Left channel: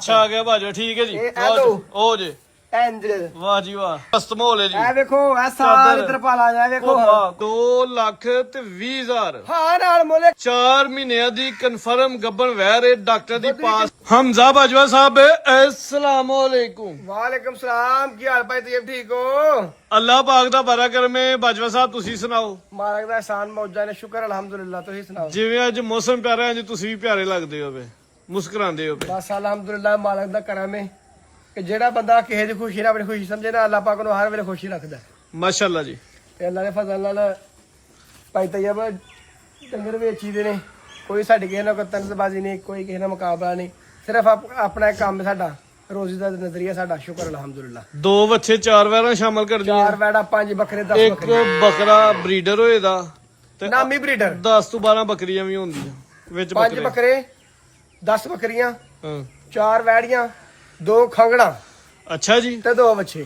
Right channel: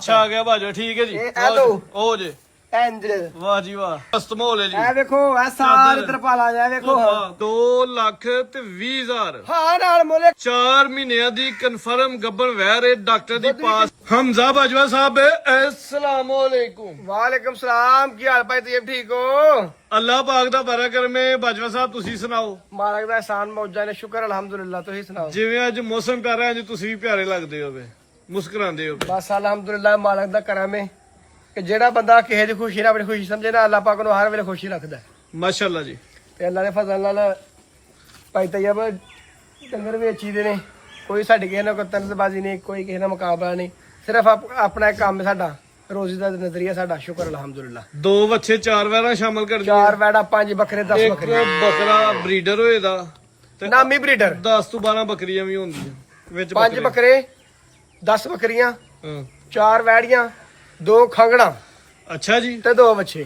ਛਾ ਗਿਆ ਭਾਜੋ ਠੀਕ ਹੈ ਜੀ ਉਹ ਜੇ ਐਂਜਲ ਵਾਹ ਜੀ ਵਾਹ ਕਸਟਮ ਹੋ ਲੈ ਜੀ ਇਹ ਵੇਖੋ ਇਹ ਸਾਰੇ ਤਰਪਾਲਾਂ ਜਾ ਵੇਖੋ 2 ਲੱਖ ਤੇ 20 ਹਜ਼ਾਰ ਹਾਂ ਨਾਲ ਮੋਲੇ 4 ਮਹੀਨਿਆਂ ਦੀ ਕਨਫਰਮ ਗੱਬਨ ਵਹਿ ਰਹੇ ਡਾਕਟਰ ਦੀ ਪਾਸ ਹਮਜ਼ਾ ਬਾਜਵਾ ਸਾਹਿਬ अस्सलाम वालेकुम ਵਾਲੇਕਮ ਸਲਾਮ ਕੀ ਹਾਲ ਭਾਈ ਤੁਸੀਂ ਠੀਕ ਹੋ ਅੱਲਾਹ ਪਾਕ ਦਾ ਬੜਾ ਕਰਮੇ ਬਾਜਵਾ ਸਾਹਿਬ ਤੁਸੀਂ ਸੁਣਾਓ ਮਾਲਕ ਦਾ ਇਹਸਾਨ ਮੌਜਾਂ ਨੇ ਸ਼ੁਕਰ ਅਲਹਮਦੁਲਿਲਾ ਤੁਸੀਂ ਸੁਣਾਓ ਜਿਵੇਂ ਅੱਜ ਮੌਸਮ ਪਿਆਰਾ ਅੱਜ ਤੁਸੀਂ ਵੀ ਪਿਆਰੇ ਲੱਗਦੇ ਹੋਵੇ ਮੁਸਕਰਾਉਂਦੇ ਹੋਵੇ ਬਸ ਅਲਹਮਦੁਲਿਲਾ ਮਾਲਕ ਦਾ ਕਰਮ ਹੈ ਕਿ ਜਿਹੜਾ ਬੰਦਾ ਕਿਸੇ ਦੀ ਖੁਸ਼ੀ ਨਾਲ ਆਪਣੀ ਖੁਸ਼ੀ ਸਮਝੇ ਨਾ ਅੱਲਾਹ ਪਾਕ ਨੂੰ ਹਰ ਵੇਲੇ ਖੁਸ਼ੀ ਰੱਖਦਾ ਮਾਸ਼ਾਅੱਲਾ ਜੀ ਤੇ ਅੱਲਾਹ ਦੇ ਫਜ਼ਲ ਨਾਲ ਭਾਈ ਤੈਯਬ ਡੰਗਰ ਵੇਚੀ ਦੇ ਨੇ ਕੋਈ ਸਾਡੀ ਕਿਸੇ ਨਾਲ ਕੋਈ ਤਨਜ਼ਬਾਜ਼ੀ ਨਹੀਂ ਕੋਈ ਕਿਸੇ ਨਾਲ ਮੁਕਾਬਲਾ ਨਹੀਂ ਸਿਰਫ ਆਪਣਾ ਇੱਕ ਕੰਮ ਹੈ ਸਾਡਾ ਰੋਜ਼ੀ ਦਾ ਨਜ਼ਰੀਆ ਸਾਡਾ ਸ਼ੁਕਰ ਅਲਹਮਦੁਲਿਲਾ 2 ਬੱਚੇ 4 ਵੈਰਾਂ ਸ਼ਾਮਲ ਕਰ 4 ਵੈੜਾ 5 ਬੱਕਰੇ 10 ਇੱਕ ਬੱਕਰੇ ਬੱਕਰਾ ਬਰੀਡਰ ਹੋਏਦਾ ਤੇ ਨਾਮੀ ਬਰੀਡਰ 10 ਤੋਂ 12 ਬੱਕਰੀਆਂ ਵੀ ਹੁੰਦੀਆਂ ਵਿੱਚ 5 ਬੱਕਰੇ 10 ਬੱਕਰੀਆਂ ਹਾਂ 4 ਵੈੜੀਆਂ 2 ਖੰਗਣਾ ਅੱਛਾ ਜੀ ਤੇ 2 ਬੱਚੇ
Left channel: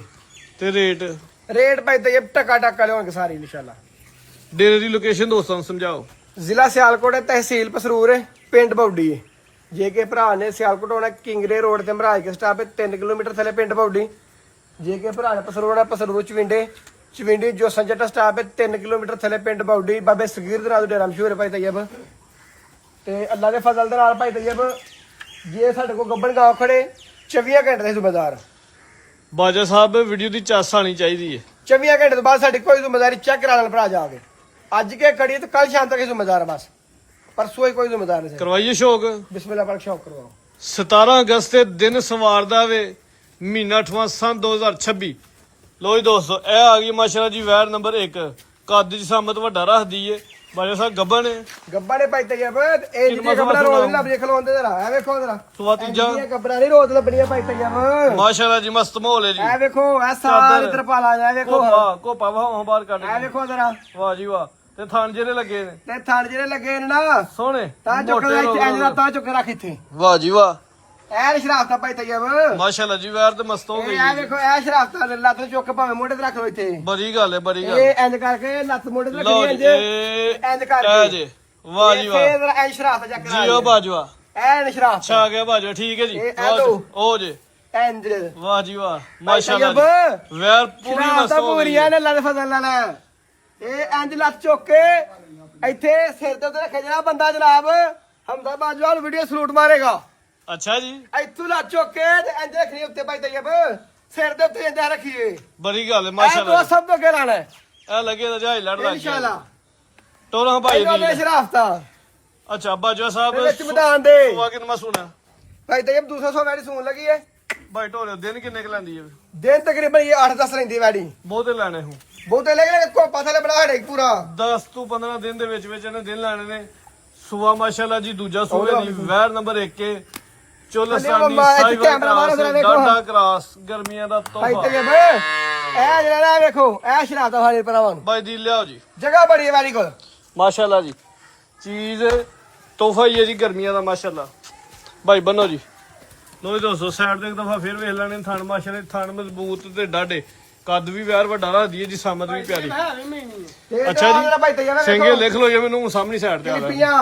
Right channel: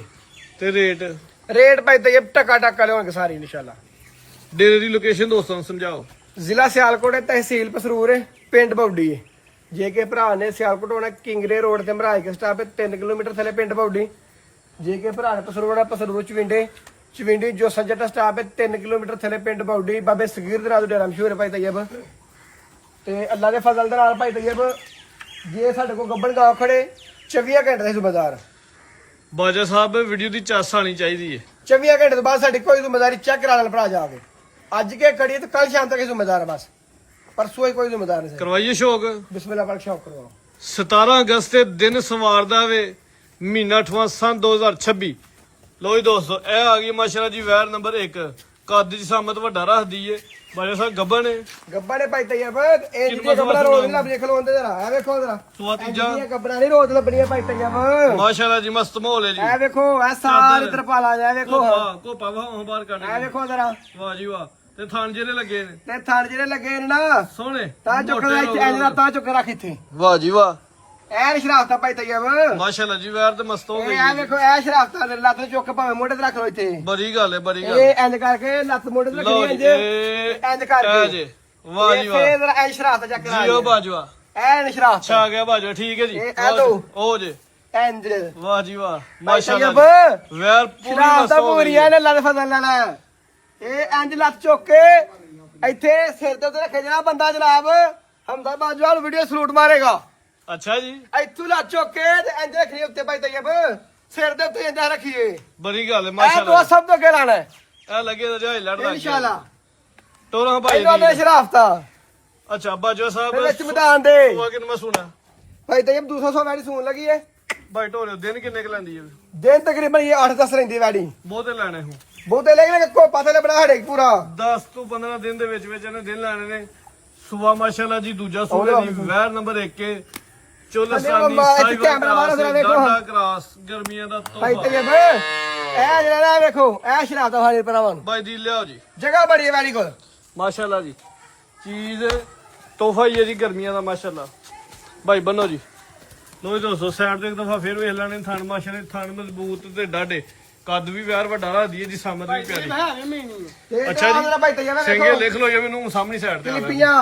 ਤੇ ਰੇਟ ਰੇਟ ਭਾਈ ਤੈਯਬ ਟਕਾ ਟਕਾ ਲਿਆਉਣਗੇ ਸਾਰੇ ਇਨਸ਼ਾਅੱਲਾ ਡੇਰੇ ਦੀ ਲੋਕੇਸ਼ਨ ਦੋਸਤਾਂ ਨੂੰ ਸਮਝਾਓ ਜ਼ਿਲ੍ਹਾ ਸਿਆਲਕੋਟ ਹੈ ਤਹਿਸੀਲ ਪਸਰੂਰ ਹੈ ਪਿੰਡ ਬੌਡੀ ਹੈ ਜੇ ਕੇ ਭਰਾ ਨੇ ਸਿਆਲਕੋਟ ਹੋਣਾ ਕਿੰਗਰੇ ਰੋਡ ਤੇ ਮਹਾਰਾਜ ਕੇ ਸਟਾਪ 3 ਕਿਲੋਮੀਟਰ ਥੱਲੇ ਪਿੰਡ ਬੌਡੀ ਜੇ ਕੇ ਭਰਾ ਨੇ ਪਸਰੂਰ ਹੋਣਾ ਪਸਰੂਰ ਚਵਿੰਡੀ ਜੋ ਸੰਜਟਾ ਸਟਾਪ ਹੈ 3 ਕਿਲੋਮੀਟਰ ਥੱਲੇ ਪਿੰਡ ਬੌਡੀ ਬਾਬੇ ਸਗੀਰ ਦੇ ਨਾਲ ਡੇਰਾ ਮਸ਼ਹੂਰ ਹੈ ਭਾਈ ਤੈਯਬ ਤੇ ਅੱਲਾ ਦੇ ਫਜ਼ਲ ਦੇ ਨਾਲ ਭਾਈ ਤੈਯਬ ਜੇ ਸਾਡੇ ਕੋਲ ਗੱਬਣ ਗਾਉ ਖੜੇ 24 ਘੰਟੇ ਦਾ ਜ਼ਿੰਮੇਦਾਰ ਬਾਜਾ ਸਾਹਿਬ ਵੀਡੀਓ ਦੀ ਚਾਸ ਆਣੀ ਚਾਹੀਦੀ ਹੈ 24 ਘੰਟੇ ਤੋਂ ਬਾਅਦ ਸਾਡੀ ਕੋਈ ਜ਼ਿੰਮੇਦਾਰੀ ਚੈੱਕ ਕਰਾ ਲੈਣ ਭਰਾ ਜਾ ਕੇ ਅੱਜ ਕੇ ਖੜੀ ਤੇ ਕੱਲ ਸ਼ਾਮ ਤੱਕ ਜ਼ਿੰਮੇਦਾਰ ਬਸ परसों ही कोई जिम्मेदार नहीं ਕਰਵਾਈਏ ਸ਼ੌਕ बिस्मिल्लाह पर शौक करवाओ 17 ਅਗਸਤ ਦੇ ਦਿਨ ਸਵਾਰਦਾ ਵੇ ਮਹੀਨਾ 8ਵਾਂ ਸੰਨ 2026 ਲੋ ਜੀ ਦੋਸਤੋ ਇਹ ਆ ਗਈ ਮਾਸ਼ਾਅੱਲਾ ਜੀ ਵੈਰ ਨੰਬਰ 1 ਕੱਦ ਦੀ ਸਾਮਤ ਵੱਡਾ ਰੱਖਦੀ ਏ ਬਾਜਾ ਸਾਹਿਬ ਗੱਬਣ ਨੇ गब्बा ने पाई तैयब ए जिते गब्बा रोज लब देख लो अंदर जरा ए देखो जरा ਸਵਾ ਤੀਜਾ गब्बा नहीं रोज लबड़ियां पाई तैयब ਮਾਸ਼ਾਅੱਲਾ ਜੀ ਮਸਤ ਮਾਹੌਲ ਹੈ ਜੀ ए देखो ए सारे तरपाला जा देखो ਕੋਪਾ ਵਾਹ ਬਾਹਰ ਕੱਢ ए देखो जरा ਵਾਹ ਜੀ ਵਾਹ ਤੇ ਥਣ ਜਿਹੜੇ ਲੱਗੇ ਨੇ ते थान जेरे लगे ने ना ਸੋਹਣੇ ता चुक इंज दा ता चुक रख इथे ਵਾਹ ਜੀ ਵਾਹ ए शराफता पाई तैयब ਮਾਸ਼ਾਅੱਲਾ ਜੀ ਵੈਰ ਤੇ ਮਸਤ ਹੋ ਗਈ ए देखो ए शराफता लत चुक भावे मोढे ते रख लो इथे ਬੜੀ ਗੱਲ ਹੈ ਬੜੀ ਗੱਲ ए इंज करके लत मोढे ते ਲਓ रखनी ਜੀ इंज इंज करके ਜੀ ਵਾਹ ਜੀ ਵਾਹ ए जरा ए शराफता चेक करा ਜੀਓ ਬਾਜਵਾ ए शराफता ਛਾ ਗਿਆ ਬਾਜਵਾ ਠੀਕ ਹੈ ਜੀ ਇਹ ਲਓ। ਉਹ ਜੇ एंजल ਵਾਹ ਜੀ ਵਾਹ ਮਾਸ਼ਾਅੱਲਾ ਮਾਸ਼ਾਅੱਲਾ ਵੈਰ ਪੂਰੀ ਸ਼ਰਾਫਤਾ ਮਸਤ ਹੋ ਗਈ ਪੂਰੀਆਂ ਨੇ ਅੱਲਾ ਦੇ ਫਜ਼ਲ ਨਾਲ ਇਹ ਇੰਜ ਲੱਤ ਚੁੱਕ ਕੇ ਇੱਥੇ ਸਿਰ ਦੇ ਉੱਤੇ ਰੱਖੇ ਜਿਹੜਾ ਬੰਦਾ ਜਨਾਬ ਹਮਦਾ ਬਾਜਵਾਲ ਵੀਡੀਓ ਸਲੂਟ ਮਾਰੇਗਾ ਅੱਛਾ ਜੀ ਇੱਥੋਂ ਲੱਤ ਚੁੱਕ ਕੇ ਤੇ ਇੰਜ ਰੱਖਣੀ ਉੱਤੇ ਭਾਈ ਤੈਯਬ ਸਿਰ ਦੇ ਉੱਤੇ ਇੰਜ ਰੱਖੀਏ ਬੜੀ ਗੱਲ ਹੈ ਇਹ ਮਾਸ਼ਾਅੱਲਾ ਦੋ ਸਭ ਤੋਂ ਅੱਗੇ ਲਾਣਾ ਹੈ ਇਹ ਲੱਗੇ ਤਾਂ ਜਾਈ ਲੜ ਲੱਗ ਇਨਸ਼ਾਅੱਲਾ ਟੋਰਾ ਭਾਈ ਇਹਨਾਂ ਦੇ ਦੀ ਸ਼ਰਾਫਤਾ ਅੱਛਾ ਬਾਜਵਾ ਸਾਹਿਬ ਦੇ ਵਿੱਚ ਮੈਦਾਨ ਦੇ ਵਾਕਿਨ ਮੈਂ ਸੁਣਾ ਭਾਈ ਤੈਯਬ 200 ਵੈੜੀ ਸੂਣ ਲੱਗੀ ਏ ਭਾਈ ਢੋਲੇ ਦਿਨ ਕਿੰਨੇ ਕ ਲੈਂਦੀ ਹੈ ਦਿਨ ਤਕਰੀਬਨ ਇਹ 8-10 ਰਹਿੰਦੀ ਵੈੜੀ ਬਹੁਤੇ ਲੈਣੇ ਹੂੰ ਬਹੁਤੇ ਲੈ ਕੇ ਕੋ ਪਤਾ ਲੈ ਬਣਾ ਹੜੇ ਪੂਰਾ 10 ਤੋਂ 15 ਦਿਨ ਦੇ ਵਿੱਚ ਇਹਨੇ ਦਿਨ ਲੈਣੇ ਨੇ ਸੂਆ ਮਾਸ਼ਾਅੱਲਾ ਜੀ ਦੂਜਾ ਸੂਏ ਦੀ ਵੈਰ ਨੰਬਰ 1 ਕੇ ਚੋਲਸਤਾਨੀ ਇੱਥੇ ਕੈਮਰਾ ਮਾਰੋ ਜ਼ਰਾ ਵੇਖੋ ਦਾਦਾ ਕਰਾਸ ਗਰਮੀਆਂ ਦਾ ਭਾਈ ਤੋਹਫਾ ਤੈਯਬ ਇਹ ਜਿਹੜਾ ਵੇਖੋ ਇਹ ਸ਼ਰਾਫਤਾ ਹਾਲੇ ਪਰਾਵਾਂ ਨੂੰ ਭਾਈ ਦੀ ਲਿਆਓ ਜੀ ਜਗ੍ਹਾ ਬੜੀ ਹੈ ਵੈੜੀ ਕੋਲ ਮਾਸ਼ਾਅੱਲਾ ਜੀ ਚੀਜ਼ ਤੋਹਫਾ ਹੀ ਹੈ ਜੀ ਗਰਮੀਆਂ ਦਾ ਮਾਸ਼ਾਅੱਲਾ ਭਾਈ ਬੰਨੋ ਜੀ ਲੋ ਜੀ ਦੋਸਤੋ ਸਾਈਡ ਤੇ ਇੱਕ ਦਫਾ ਫਿਰ ਵੇਖ ਲੈਣੇ ਥਣ ਮਾਸ਼ਾਅੱਲਾ ਥਣ ਮਜ਼ਬੂਤ ਤੇ ਡਾਢੇ ਕੱਦ ਵੀ ਵਿਆਰ ਵੱਡਾ ਰੱਖਦੀ ਹੈ ਜੀ ਸਾਮਤ ਵੀ ਪਿਆਰੀ ਅੱਛਾ ਜੀ। ਭਾਈ ਤੈਯਬ ਸਿੰਘੇ ਲਿਖ ਲਓ ਜੇ ਮੈਨੂੰ ਸਾਹਮਣੀ ਸਾਈਡ ਤੇ ਆ ਲੈ ਕਲਿੱਪੀਆਂ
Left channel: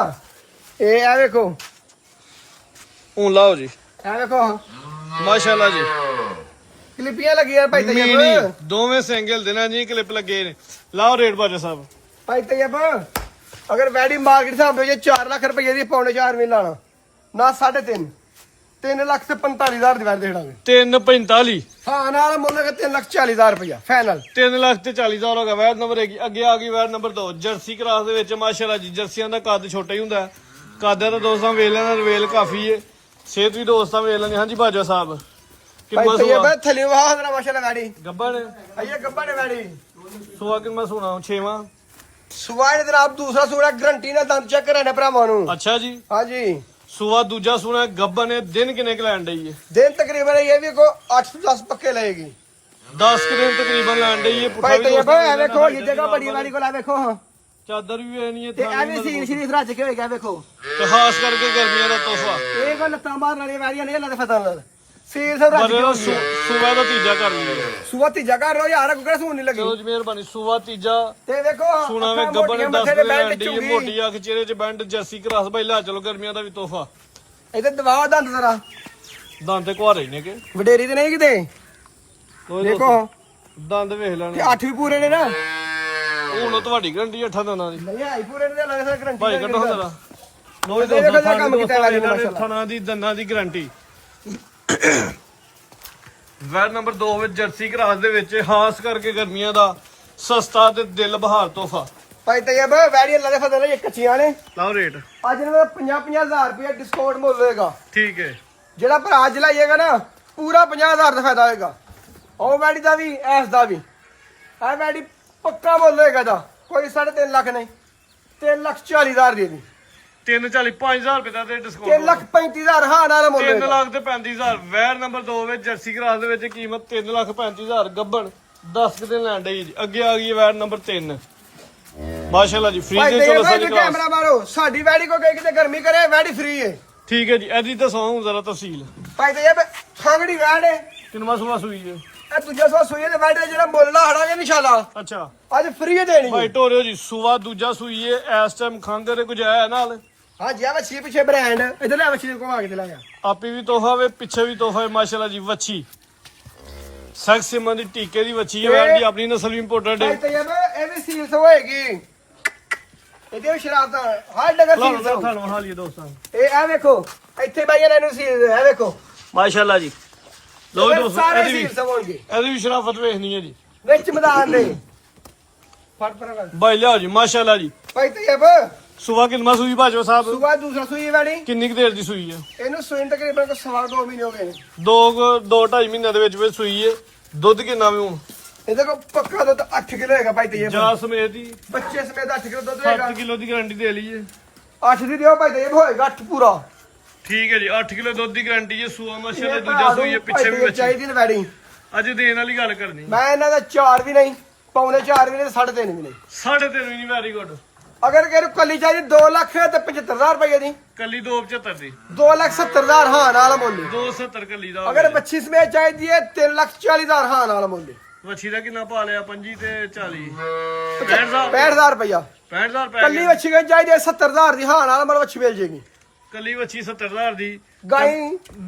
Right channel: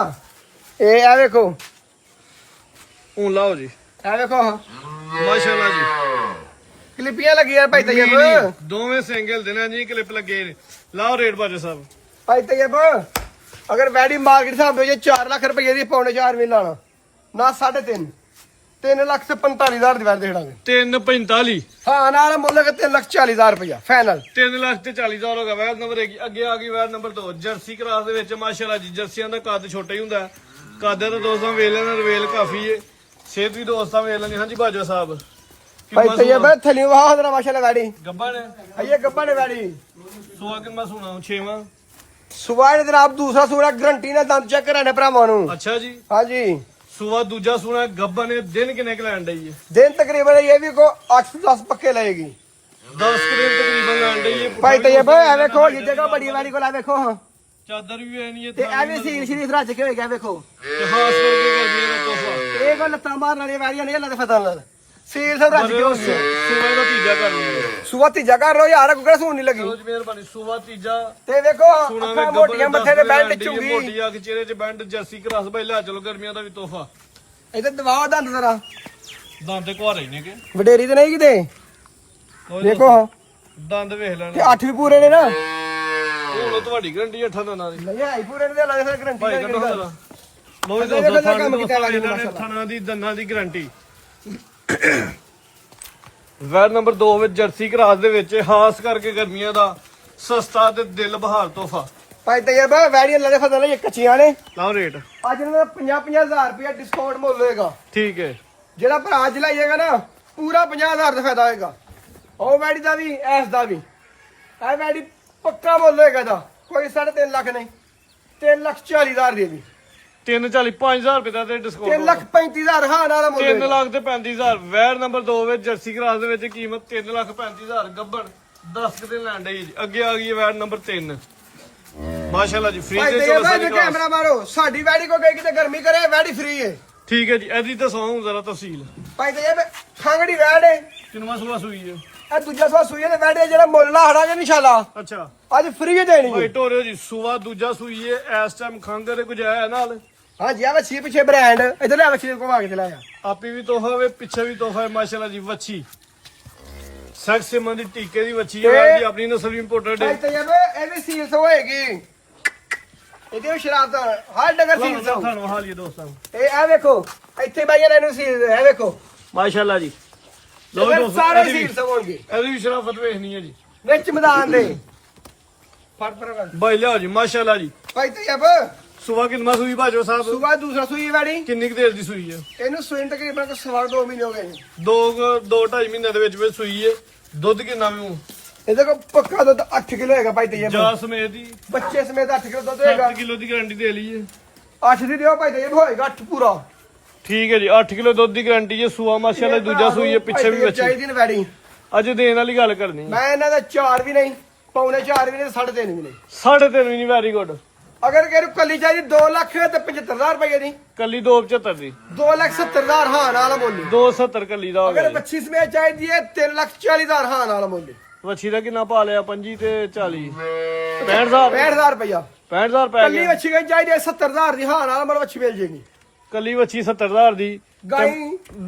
ਇਹ ਆ ਵੇਖੋ ਹੁਣ ਲਾਓ ਜੀ ਇਹ ਵੇਖੋ ਮਾਸ਼ਾਅੱਲਾ ਜੀ ਕਲਿੱਪੀਆਂ ਲੱਗੀਆਂ ਭਾਈ ਤੈਯਬ ਮੀਨੀ, ਦੋਵੇਂ ਸਿੰਗਲ ਦੇਣਾ ਜੀ ਕਲਿੱਪ ਲੱਗੇ ਨੇ ਲਾਓ ਰੇਟ ਬਾਜਾ ਸਾਹਿਬ ਭਾਈ ਤੈਯਬ ਅਗਰ ਵੈਡੀ ਮਾਰਕੀਟ ਸਾਹਮਣੇ ਜੇ 4 ਲੱਖ ਰੁਪਏ ਦੀ ਪੌਣੇ 4 ਵੀ ਲਾਣਾ ਨਾ 3.5 3 ਲੱਖ ਤੇ 45,000 ਦੀ ਵੈਡ ਦੇ ਦਾਂਗੇ 345 ਹਾਂ ਨਾਲ ਮੁੱਲ ਹੈ 3 ਲੱਖ 40,000 ਰੁਪਇਆ ਫਾਈਨਲ 3 ਲੱਖ ਤੇ 40,000 ਹੋ ਗਿਆ ਵੈਰ ਨੰਬਰ 1 ਅੱਗੇ ਆ ਗਈ ਵੈਰ ਨੰਬਰ 2 ਜਰਸੀ ਕਰਾਸ ਦੇ ਵਿੱਚ ਮਾਸ਼ਾਅੱਲਾ ਜੀ ਜਰਸੀਆਂ ਦਾ ਕੱਦ ਛੋਟਾ ਹੀ ਹੁੰਦਾ ਕੱਦ ਦਾ ਦੋਸਤਾਂ ਵੇਖ ਲੈਣਾ ਰਵੇਲ ਕਾਫੀ ਏ ਸਿਹਤ ਵੀ ਦੋਸਤਾਂ ਵੇਖ ਲੈਣੇ ਹਾਂਜੀ ਬਾਜਾ ਸਾਹਿਬ ਭਾਈ ਕਿੰਨਾ ਤੈਯਬ ਸੋਆ ਥਲੀ ਵਾਹ ਜਰਾ ਮਾਸ਼ਾਅੱਲਾ ਵੈਡੀ ਗੱਬਾ ਨੇ ਇਹ ਗੱਪਾ ਨੇ ਵੈਡੀ ਸੋਆ ਕਿੰਨਾ ਸੋਣਾ 6ਵਾਂ ਸੁਬਾਹ ਦੇ ਆਪ ਦੂਸਰਾ ਸੂੜਾ ਗਰੰਟੀ ਨਾਲ ਦੰਦ ਚੈੱਕ ਕਰਾਣੇ ਭਰਾਵਾਂ ਨੂੰ ਅੱਛਾ ਜੀ ਹਾਂਜੀ ਸੋਆ ਦੂਜਾ ਸੋਣਾ ਗੱਬਾ ਨੇ ਦਿਨ ਕਿੰਨੇ ਕ ਲੈਣ ਡਈ ਏ ਦਿਨ ਤਕਰੀਬਨ ਇਹ ਵੀ ਕੋ 8 ਤੋਂ 10 ਪੱਕੇ ਲਏਗੀ 10 ਕੁ ਦਿਨ ਤਕਰੀਬਨ ਲੈਣ ਡਈ ਏ ਪੁੱਠਾ ਭਾਈ ਵੀ ਤੈਯਬ ਇਹ ਵੇਖੋ ਇਹ ਜਗ੍ਹਾ ਬੜੀ ਵਾਲੀ ਕੋਲ ਆ ਵੇਖੋ ਹਾਂ ਚਾਦਰ ਵੀ ਐ ਨਹੀਂ ਤੇ ਐਵੇਂ ਸੀਲ ਸ਼ਰੀਫ ਰੱਜ ਕੇ ਹੋਏਗਾ ਵੇਖੋ ਤੇ ਖਾਸ ਕਰਕੇ ਗਰਮੀਆਂ ਦਾ ਤੋਹਫਾ ਇਹ ਕੋ ਲੱਤਾਂ ਮਾਰਨ ਵਾਲੀਆਂ ਵਾਰੀਆਂ ਨਹੀਂ ਅੱਲਾ ਦੇ ਫਜ਼ਲ ਨਾਲ ਸੀਲ ਸਭ ਰੱਜ ਕੇ ਹੋਈ ਹੈ ਸੂਬਾ ਦਾ ਤੀਜਾ ਕਰ ਲਈਏ ਸੁਬਹ ਤੀਜਾ ਕਰ ਰੋ ਯਾਰ ਕੋਈ ਸੂਣ ਨਹੀਂ ਲੱਗੀ ਚਲੋ ਜੀ ਮਿਹਰਬਾਨੀ ਸੂਬਾ ਤੀਜਾ ਤੇ ਵੇਖੋ ਸੁਣਾ ਵੇ ਅੱਖਾਂ ਗੱਬਰ ਮੋਟੀਆਂ, ਨੇ ਮੱਥੇ ਤੇ 10 ਬੈਲਟ ਲੈਂਡੀ ਚੁੰਗੀ ਮੋਟੀ ਆ ਕੇ ਚਿਹਰੇ 'ਚ ਬੈਂਡ ਜਰਸੀ ਕਰਾਸ ਬਈ ਲੈ ਚਲੋ ਗਰਮੀਆਂ ਦਾ ਵੀ ਤੋਹਫਾ ਇਹਦੇ ਦਵਾ ਦੰਦ ਜ਼ਰਾ ਦੰਦ ਤੇ ਕੁਹਾਰੇ ਨੇ ਕਿ ਵਡੇਰੀ ਤੇ ਨਹੀਂ ਕਿਤੇ ਕੋਈ ਦੇਖੋ ਦੰਦ ਵੇਖ ਲੈਣ ਤੇ 8 ਵੀ ਪੂਰੇ ਨੇ ਨਾ ਹੁਣ ਤੁਹਾਡੀ ਗਰੰਟੀ 8 ਦੰਦਾਂ ਦੀ ਨਹੀਂ ਆਈ ਪੂਰੇ ਨੇ ਲੱਗਦਾ ਗਰੰਟੀ ਭਾਈ ਕੱਢੋ ਹਜ਼ਾਰਾ ਲੋ ਦੇਖੋ ਦੋਸਤੋ ਇਹਦਾ ਕੰਮ ਕੀਤਾ ਇਹਨਾਂ ਇਹਨਾਂ ਨੇ ਨੇ ਥਣਾ ਦੀ ਦੰਦਾਂ ਦੀ ਗਰੰਟੀ ਵੈਰ ਨੰਬਰ 2 ਵਿੱਚ ਜਰਸੀ ਕਰਾਸ ਦੇ ਵਿੱਚ ਖਾਸ ਕਰਕੇ ਗਰਮੀਆਂ ਦਾ ਸਸਤਾ ਤੇ ਦਿਲ ਬਹਾਰ ਤੋਹਫਾ ਭਾਈ ਤੇ ਇਹ ਵੈੜੀਆਂ ਲੜੇ ਫਸਲ ਨੇ ਕੱਚੀਆਂ ਨੇ ਲਾਓ ਰੇਟ ਅੱਜ ਇਹਨਾਂ ਦਾ 50-50000 ਰੁਪਏ ਡਿਸਕਾਊਂਟ ਮੁੱਲ ਹੋਏਗਾ ਠੀਕ ਹੈ ਜਿਹੜਾ ਭਰਾ ਅੱਜ ਲਾਈਏਗਾ ਨਾ ਪੂਰਾ 50000 ਦਾ ਫਾਇਦਾ ਹੋਏਗਾ ਉਹ ਵੈੜੀ ਦਾ ਵੀ ਐਸ ਦਾ ਵੀ ਇਹ ਵੈੜੀ ਪੱਕਾ ਮੁੱਲ ਹੋਏਗਾ ਦਾ ਕੋਈ 3.5 ਲੱਖ ਨਹੀਂ 3,40,000 ਦੇ ਦੀ 340 5000 ਰੁਪਏ ਦਾ ਤੇ ਡਿਸਕਾਊਂਟ 3,35,000 ਹਾਂ ਨਾਲ ਮੁੱਲ 3 ਲੱਖ ਤੇ 35000 ਵੈਰ ਨੰਬਰ 2 ਵਿੱਚ ਜਰਸੀ ਕਰਾਸ ਦੇ ਵਿੱਚ ਕੀਮਤ 3,35,000 ਗੱਬਣ 10 ਦਿਨ ਲੈਣ ਡਈ ਜੀ ਅੱਗੇ ਆ ਗਈ ਵੈਰ ਨੰਬਰ 3 ਮਾਸ਼ਾਅੱਲਾ ਜੀ ਫ੍ਰੀ ਦੇ ਚਲੋ ਸਾਡੀ ਕਲਾਸ ਕੈਮਰਾ ਮਾਰੋ ਸਾਡੀ ਵੈੜੀ ਕੋ ਗਈ ਕਿਤੇ ਗਰਮੀ ਕਰੇ ਵੈੜੀ ਫ੍ਰੀ ਹੈ ਠੀਕ ਹੈ ਜੀ ਇਹਦੀ ਦੱਸੋ ਜ਼ਰਾ ਤਫਸੀਲ ਭਾਈ ਤੇ ਇਹ ਖਾਂਗੜੀ ਵੈੜ ਹੈ ਕਿੰਨਵਾਂ ਸੂਆ ਸੂਈ ਹੈ ਇਹ ਦੂਜਾ ਸੋ ਸੂਈ ਦੇ ਵੈੜੇ ਜਿਹੜਾ ਮੁੱਲ ਆ ਹੜਾ ਦੇ ਨਿਸ਼ਾਲਾ ਅੱਛਾ ਅੱਜ ਫ੍ਰੀ ਦੇਣੀ ਭਾਈ ਟੋਰਿਓ ਜੀ ਸੂਆ ਦੂਜਾ ਸੂਈ ਹੈ ਇਸ ਟਾਈਮ ਖੰਗ ਦੇ ਕੁਝ ਆਇਆ ਨਾਲ ਹਾਂਜੀ ਆ ਵੱਛੀ ਪਿੱਛੇ ਬ੍ਰਾਂਡ ਇਧਰ ਲੈ ਵੱਛੀ ਕੋ ਆ ਕੇ ਚਲਾਇਆ ਆਪੀ ਵੀ ਤੋਹਫਾ ਵੇ ਪਿੱਛੇ ਵੀ ਤੋਹਫਾ ਹੈ ਮਾਸ਼ਾਅੱਲਾ ਜੀ ਵੱਛੀ ਸੈਕਸ ਸਿਮਨ ਦੀ ਟੀਕੇ ਦੀ ਵੱਛੀ ਹੈ ਵੈਰ ਦੀ ਆਪਣੀ ਨਸਲ ਵੀ ਇੰਪੋਰਟਡ ਭਾਈ ਹੈ ਤੇ ਇਹ ਵੀ ਸੀਲਸ ਹੋਏਗੀ ਇਹਦੇ ਵੀ ਸ਼ਰਾਬ ਦਾ ਹਰ ਡਗਰ ਸੀਲਸ ਹੋ ਤੁਹਾਨੂੰ ਹਾਲੀਏ ਦੋਸਤਾਂ ਇਹ ਆ ਵੇਖੋ ਇੱਥੇ ਬਾਈਆਂ ਨੇ ਇਹਨੂੰ ਸੀਲ ਇਹ ਵੇਖੋ ਮਾਸ਼ਾਅੱਲਾ ਜੀ ਲੋ ਦੋਸਤੋ ਸਾਰੇ ਇਹਦੀ ਵੀ ਸੀਲਸ ਹੋਣਗੇ ਇਹਦੀ ਵੀ ਸ਼ਰਾਫਤ ਵੇਖਣੀ ਹੈ ਜੀ ਵਿੱਚ ਮੈਦਾਨ ਦੇ ਫੜ ਪਰ ਭਾਈ ਲਿਆਓ ਜੀ ਮਾਸ਼ਾਅੱਲਾ ਜੀ ਭਾਈ ਤੇ ਸੂਆ ਕਿੰਨਵਾਂ ਸੂਈ ਭਾਜੋ ਸਾਹਿਬ ਸੁਬਾ ਦੂਸਰਾ ਸੂਈ ਵਾਲੀ ਕਿੰਨੀ ਕੁ ਦੇਰ ਦੀ ਸੂਈ ਹੈ ਇਹਨੂੰ ਸੂਈ ਤਕਰੀਬਨ ਤਾਂ 2 ਮਹੀਨੇ ਹੋ ਗਏ ਨੇ 2.5 ਮਹੀਨਿਆਂ ਦੇ ਵਿੱਚ ਸੂਈ ਹੈ ਦੁੱਧ ਕਿੰਨਾ ਵੀ ਇਹਦੇ ਕੋ ਪੱਕਾ ਦੁੱਧ 8 ਕਿਲੋ ਹੈਗਾ ਭਾਈ ਤੇ ਜਾ ਸਮੇਤ ਹੀ ਬੱਚੇ ਸਮੇਤ 8 ਕਿਲੋ ਦੁੱਧ ਹੈਗਾ 7 ਕਿਲੋ ਦੀ ਗਾਰੰਟੀ ਦੇ ਲਈਏ 8 ਦੀ ਦਿਓ ਭਾਈ ਤੇ ਹੋਏਗਾ 8 ਪੂਰਾ ਠੀਕ ਹੈ ਜੀ 8 ਕਿਲੋ ਦੁੱਧ ਦੀ ਗਾਰੰਟੀ ਹੈ ਸੂਆ ਮਾਸ਼ਾਅੱਲਾ ਦੂਜਾ ਸੂਈ ਹੈ ਪਿੱਛੇ ਵੀ ਬੱਚੀ ਚਾਹੀਦੀ ਨੇ ਵੈਡਿੰਗ ਅੱਜ ਦੇਣ ਵਾਲੀ ਗੱਲ ਕਰਨੀ ਮੈਂ ਇਹਨਾਂ ਦਾ 4 ਵੀ ਨਹੀਂ ਪੌਣੇ 4 ਵੀ ਨਹੀਂ 3.5 ਵੀ ਨਹੀਂ 3.5 ਵੀ ਨਹੀਂ ਵੈਰੀ ਗੁੱਡ ਅਗਰ ਕਿਹਨੂੰ ਕੱਲੀ ਚਾਹੀਦੀ 2 ਲੱਖ ਤੇ 75000 ਰੁਪਏ ਦੀ ਕੱਲੀ 275 ਦੀ 2,70,000 ਹਾਂ ਨਾਲ ਮੁੱਲ 270 ਕੱਲੀ ਦਾ ਹੋ ਅਗਰ ਗਿਆ 25 ਸਮੇਤ ਚਾਹੀਦੀ ਹੈ 3,40,000 ਹਾਂ ਨਾਲ ਮੁੱਲ ਵੱਛੀ ਦਾ ਕਿੰਨਾ ਪਾ ਲਿਆ 25 ਤੇ 40 65000 65000 ਰੁਪਇਆ 65000 ਪੈ ਕੱਲੀ ਗਿਆ ਵੱਛੀ ਗਈ ਚਾਹੀਦੀ ਹੈ 70000 ਦੀ ਹਾਂ ਨਾਲ ਮਰ ਵੱਛੀ ਮਿਲ ਜੇਗੀ ਕੱਲੀ ਵੱਛੀ 70000 ਦੀ ਗਾਈ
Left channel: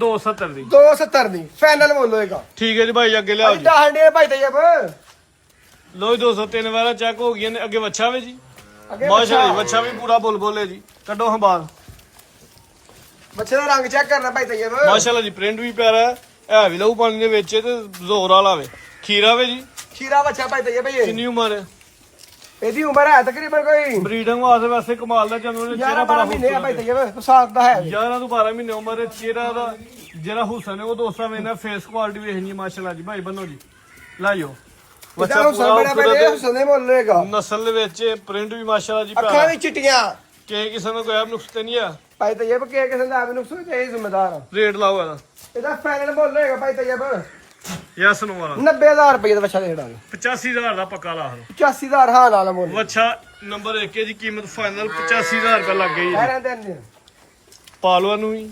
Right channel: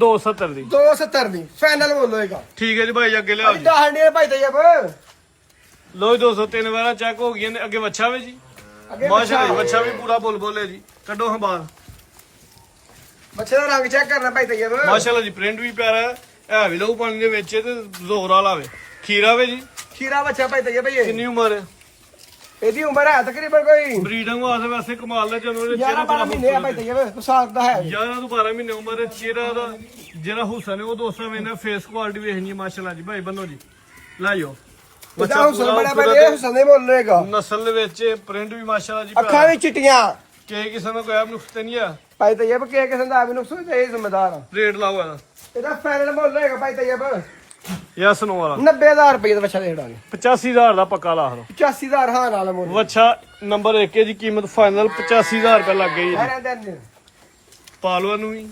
270 ਦੀ 270 ਦੀ ਫਾਈਨਲ ਮੁੱਲ ਹੋਏਗਾ ਠੀਕ ਹੈ ਜੀ ਭਾਈ ਅੱਗੇ ਲਿਆਓ ਜੀ ਡਾਹਣੇ ਭਾਈ ਤੇਜਬ ਲੋ ਜੀ 203 ਵਾਰਾ ਚੈੱਕ ਹੋ ਗਈਆਂ ਨੇ ਅੱਗੇ ਵੱਛਾ ਵੇ ਜੀ ਅੱਗੇ ਮਾਸ਼ਾਅੱਲਾ ਵੱਛਾ ਵੀ ਪੂਰਾ ਬੁਲਬੁਲ ਹੈ ਜੀ ਕੱਢੋ ਹਾਂ ਬਾਹਰ ਬੱਚੇ ਦਾ ਰੰਗ ਚੈੱਕ ਕਰਨਾ ਭਾਈ ਤੇਜਬ ਮਾਸ਼ਾਅੱਲਾ ਜੀ ਪ੍ਰਿੰਟ ਵੀ ਪਿਆਰਾ ਹੈ ਵੀ ਲਹੂ ਪਾਣੀ ਦੇ ਵਿੱਚ ਤੇ ਜ਼ੋਰ ਵਾਲਾ ਵੇ ਖੀਰਾ ਵੇ ਜੀ ਖੀਰਾ ਬੱਚਾ ਭਾਈ ਤੇਜਬ ਭਈ ਕਿੰਨੀ ਉਮਰ ਹੈ ਇਹਦੀ ਉਮਰ ਹੈ ਤਕਰੀਬਨ ਕੋਈ ਬਰੀਡਿੰਗ ਵਾਸਤੇ ਵੈਸੇ ਕਮਾਲ ਦਾ ਜਦੋਂ ਚਿਹਰਾ 11 ਬੜਾ 12 ਮਹੀਨੇ ਆ ਭਾਈ ਤੇਜਬ ਸਾਖ ਦਾ ਹੈ 11 ਤੋਂ 12 ਮਹੀਨੇ ਉਮਰ ਹੈ ਚਿਹਰਾ ਦਾ ਜਿਹੜਾ ਹੁਸਨ ਹੈ ਉਹ ਦੋਸਤਾਂ ਮੈਨਾਂ ਫੇਸ ਕੁਆਲਿਟੀ ਵੇਖਣੀ ਮਾਸ਼ਾਅੱਲਾ ਜੀ ਭਾਈ ਬੰਨੋ ਜੀ ਲਾਇਓ ਬੱਚਾ ਹੁਸਨ ਬੜਾ ਭਾਈ ਹੁਸਨ ਦੇ ਮੁੱਲ ਹੋਏਗਾ ਨਸਲ ਦੇ ਵਿੱਚ ਪ੍ਰਿੰਟ ਵੀ ਮਾਸ਼ਾਅੱਲਾ ਜੀ ਅੱਖਾਂ ਪਿਆਰਾ ਵੀ ਚਿੱਟੀਆਂ ਕਿ ਕਿਸੇ ਨੂੰ ਕੋਈ ਨੁਕਸ ਤੇ ਨਹੀਂ ਆ ਭਾਈ ਤੇਜਬ ਕੀ ਕਿਸੇ ਦਾ ਵੀ ਨੁਕਸ ਹੋਇਆ ਇਹ ਜ਼ਿੰਮੇਦਾਰ ਆ ਰੇਟ ਲਾਓ ਇਹਦਾ ਇਹਦਾ ਫਾਈਨਲ ਮੁੱਲ ਹੋਏਗਾ ਭਾਈ ਤੇਜਬ ਯਸ ਨੋ ਵਾਲਾ 90000 ਰੁਪਏ ਦਾ ਬੱਚਾ ਦੇ ਦਾਂਗੇ 85000 ਦਾ ਪੱਕਾ ਲਾ ਦੋ 85000 ਹਾਂ ਨਾਲ ਮੁੱਲ ਵੱਛਾ ਨੰਬਰ 1 ਹੈ ਜੀ ਕੀਮਤ ਫਾਈਨਲ 85000 ਰੁਪਏ ਲੱਗ ਗਈ ਜੀ ਸਾਰਿਆਂ ਦੇ ਅੰਦਰ ਪਾਲਵਾ ਨੂੰ ਵੀ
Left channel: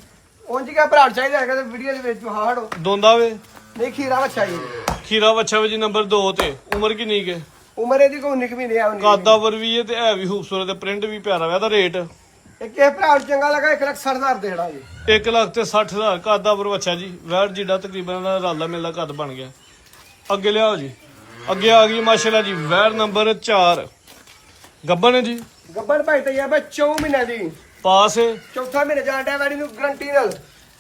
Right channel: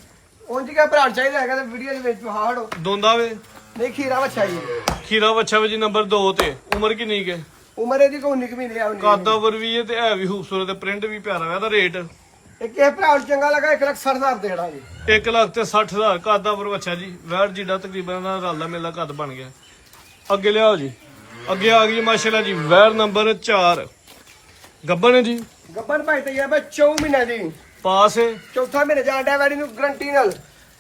ਉਂਝ ਕਿਆ ਭਰਾ ਚਾਹੀਦਾ ਹੈਗਾ ਤੇ ਵੀਡੀਓ ਦੇ ਵਿੱਚ ਹਾੜੋ ਦੋਂਦਾ ਵੇ ਨਹੀਂ ਖੀਰਾ ਬੱਚਾ ਜੀ ਖੀਰਾ ਵੱਛਾ ਵੇ ਜੀ ਨੰਬਰ 2 ਤੇ ਉਮਰ ਕਿੰਨੀ ਕੇ ਉਮਰ ਇਹਦੀ ਕੋਈ 19 ਮਹੀਨੇ ਆ ਕਾਦਾਵਰ ਵੀ ਹੈ ਤੇ ਹੈ ਵੀ ਖੂਬਸੂਰਤ ਤੇ ਪ੍ਰਿੰਟ ਵੀ ਪਿਆਰਾ ਵਾ ਇਹਦਾ ਰੇਟ ਇਹ ਕਿਸੇ ਭਰਾ ਨੂੰ ਚੰਗਾ ਲੱਗਾ 1,60,000 ਦੇ ਦਾਂਗੇ 1 ਲੱਖ ਤੇ 60000 ਕਾਦਾਵਰ ਵੱਛਾ ਜੀ ਵੈਟ ਜਿੱਡਾ ਤਕਰੀਬਨ ਦਾ ਰਲਦਾ ਮਿਲਦਾ ਕੱਦ ਬਣ ਗਿਆ ਅੱਗੇ ਲਿਆਓ ਜੀ ਅੱਗੇ ਆ ਗਈ ਮਾਸ਼ਾਅੱਲਾ ਜੀ ਵੈਰ ਨੰਬਰ 4 ਗੱਬਨ ਹੈ ਜੀ ਗੱਬਨ ਭਾਈ ਤੇ ਇਹ 4 ਮਹੀਨੇ ਦੀ ਪਾਸ ਹੈ ਚੌਥਾ ਮਹੀਨੇ ਜਾਣ ਡਿਆ ਵੈਡੀ ਨੂੰ ਗਰੰਟੀ ਨਾਲ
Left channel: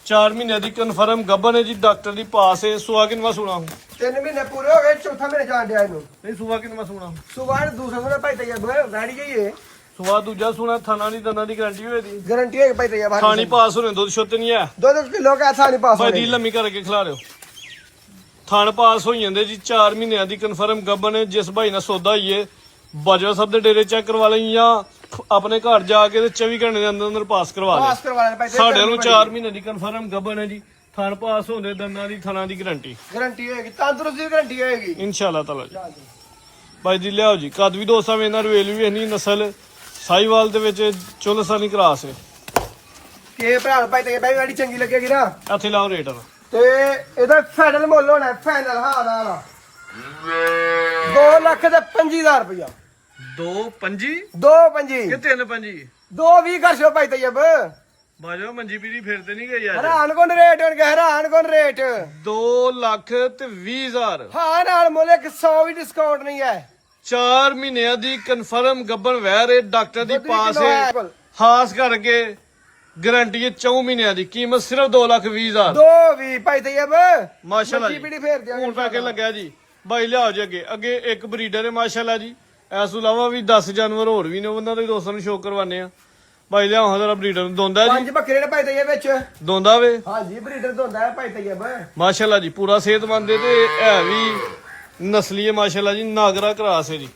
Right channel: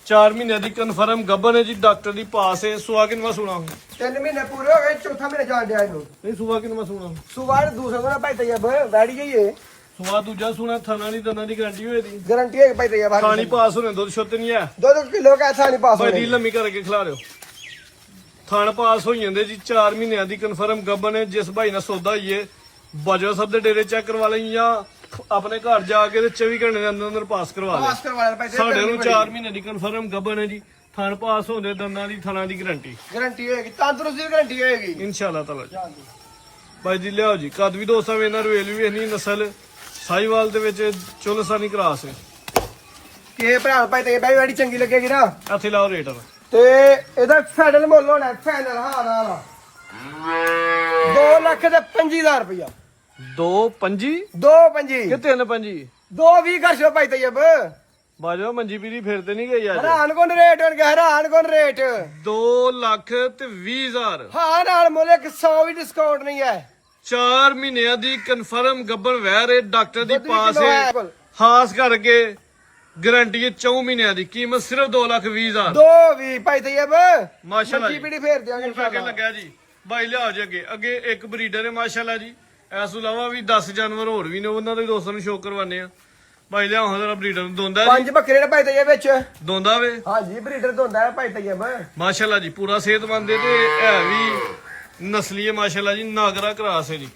4 ਮਹੀਨਿਆਂ ਦੀ ਕਨਫਰਮ ਗੱਬਨ ਹੈ ਜੀ ਡਾਕਟਰ ਦੀ ਪਾਸ ਹੈ ਸੁਆ ਕਿੰਨਵਾ ਸੁਣਾ ਹੂੰ 3 ਮਹੀਨੇ ਪੂਰੇ ਹੋ ਗਏ ਚੌਥਾ ਮਹੀਨੇ ਜਾਣ ਡਿਆ ਇਹਨੂੰ ਨਹੀਂ ਸੁਆ ਕਿੰਨਵਾ ਸੁਣਾ ਸੁਵਾੜ ਦੂਸਰਾ ਦਾ ਭਾਈ ਤੇ ਇਹ ਵੈਡੀ ਗਈ ਹੈ ਸੁਆ ਦੂਜਾ ਸੁਣਾ ਥਾਣਾ ਨਹੀਂ ਦੰਦਾਂ ਦੀ ਗਾਰੰਟੀ ਹੋਏ ਦੀ ਗਰੰਟੀ ਹੈ ਭਾਈ ਤੇ ਇਹ ਥਾਣੀ ਪਾਸ ਹੋਣੇ ਦੁੱਧ ਛੁੱਤ ਨਹੀਂ ਹੈ 2 ਕਿਲੋ ਕਾ ਥਾਣੀ ਪਾਸ ਭਾਈ ਦੀ ਲੰਮੀ ਕਰਕੇ ਖਿਲਾ ਦਿਓ ਥਾਣ ਪਾਸ ਹੋ ਜਾਂਦੇ ਜੀ 4 ਮਹੀਨਿਆਂ ਦੀ ਕਨਫਰਮ ਗੱਬਨ ਹੈ ਜਿਸ ਭਾਈ ਨਾਲ ਸੌਦਾ ਹੋਈਏ ਬਾਜਵਾ ਸਾਹਿਬ ਦੇ ਡੇਰੇ ਚੈੱਕ ਕਰਵਾ ਲਈ ਜਾਂ ਆਪਣੇ ਘਰ ਜਾ ਕੇ ਤੇ 24 ਘੰਟੇ ਦੇ ਅੰਦਰ ਅੰਦਰ ਪਾਸ ਕਰਵਾ ਪਾਸ ਲੈ ਕਰਵਾ ਲੈ ਭਾਈ ਸਾਡੇ ਨੂੰ 4 ਮਹੀਨੇ ਦੀ ਕਨਫਰਮ ਗੱਬਨ ਹੈ ਜੀ ਥਾਣ ਪਾਸ ਹੁੰਦੇ ਦੰਦਾਂ ਦੀ ਥਾਣਾ ਦੀ ਗਾਰੰਟੀ ਗਰੰਟੀ ਹੋਏਗੀ ਤੰਦਰੁਸਤੀ ਦੀ ਗਰੰਟੀ ਹੋਏਗੀ ਇਨਸ਼ਾਅੱਲਾ ਤਾਲਾ ਜੀ ਭਾਈ ਜੀ ਲਿਆਓ ਜੀ ਕੱਦ ਵੀ ਦੋਸਤਾਂ ਵੇ ਇਹਨਾਂ ਰੁਏਲ ਵੀ ਇੰਨੀ ਨਸਲ ਸਾਈਵਾਲ ਦੇ ਵਿੱਚ ਚੁਲਸਾਨੀ ਕਰਾਸ ਹੈ ਕਿ ਭਰਾ ਭਾਈ ਤੇ ਵੈਡੀ ਚੰਗੀ ਲੱਗੇਗੀ ਨਾ ਇੱਥੇ ਲਾਓ ਰੇਟ ਤੇ ਇਹਦਾ ਫਾਈਨਲ ਮੁੱਲ ਹੋਣਾ ਫਾਈਨਲ ਹਾਂ ਨਾਲ 2,25,000 ਰੁਪਇਆ 2 5 2 ਪੰਜੀ ਕਿ 3 5 2 20 ਕਰ ਛੋ ਭਾਈ ਤੈਯਬ ਬਾਜਵਾ ਮੰਜੀ ਪੀੜੀ ਫਿਰ ਤੇ ਨਹੀਂ ਗਈ ਯਾਰ ਹੈਰਾਨ ਕੋਣ ਰੇਟ ਹੋਣ ਗਿਆ ਹੈਰਾਨ ਕੋਣ ਰੇਟ 2,20,000 ਹਾਂ ਨਾਲ ਮੁੱਲ 100 ਵੀ ਡਿਸਕਾਊਂਟ ਨਹੀਂ ਹੈ 4 ਮਹੀਨਿਆਂ ਦੀ ਕਨਫਰਮ ਗੱਬਣ ਵਹਿ ਰਹੇ ਡਾਕਟਰ ਦੀ ਦੁੱਧ ਵੀ ਪਾਸ ਕਿਲੋ ਹੈ ਹੈ ਕੋਲ। ਖਾਸ ਕਰਕੇ ਗਾਰੰਟੀ ਹੈ 4 ਮਹੀਨਿਆਂ ਦੀ ਕੀਮਤ ਸਿਰਫ 2,20,000 ਦੋ ਵੀ ਭਾਈ ਤੈਯਬ ਮਾਸ਼ਾਅੱਲਾ ਮੰਜੀ ਜੀ। ਪੀੜੀ ਫੇਰ ਦਿਆਂਗੇ ਹੁਣ ਤੱਕ ਲੱਗਿਆ ਜੀ ਬਾਈ ਲਿਆਓ ਜੀ ਅੱਗੇ ਇੱਕ ਬਰੀਡਰ ਹੈ ਮਾਸ਼ਾਅੱਲਾ ਜੀ ਇਸ ਤੋਂ ਇਲਾਵਾ ਵੀ 10 ਜਾਨਵਰ ਹੋਰ ਵੀ ਨੇ ਉਹਨਾਂ ਦੇ ਦੋਸਤਾਂ ਨੂੰ ਸ਼ੋਅ ਕਰਵਾਉਂਦੇ ਆ ਬਾਈ ਲਿਆਓ ਹਾਂ ਜਰਾ ਬਰੀਡਰ ਨੂੰ ਦੋਂਦਾ ਜੀ ਪੰਜ ਬੱਕਰੇ ਨੇ ਭਾਈ ਤੈਯਬ ਵਿੱਚ ਦੋਂਦਾ ਵੇ ਹਾਂਜੀ ਬਰੀਡਰ ਦੋਂਦਾ ਹੈ ਭਾਈ ਤੈਯਬ ਮਾਸ਼ਾਅੱਲਾ ਜੀ ਪੂਰਾ ਸਿਹਤਮੰਦ ਹੈ ਤੇ ਹੈ ਵੀ ਨਸਲੀ ਹੈ ਮਾਸ਼ਾਅੱਲਾ ਜੀ ਨਾਗਰਾ ਕਰਾਸ ਹੈ ਜੀ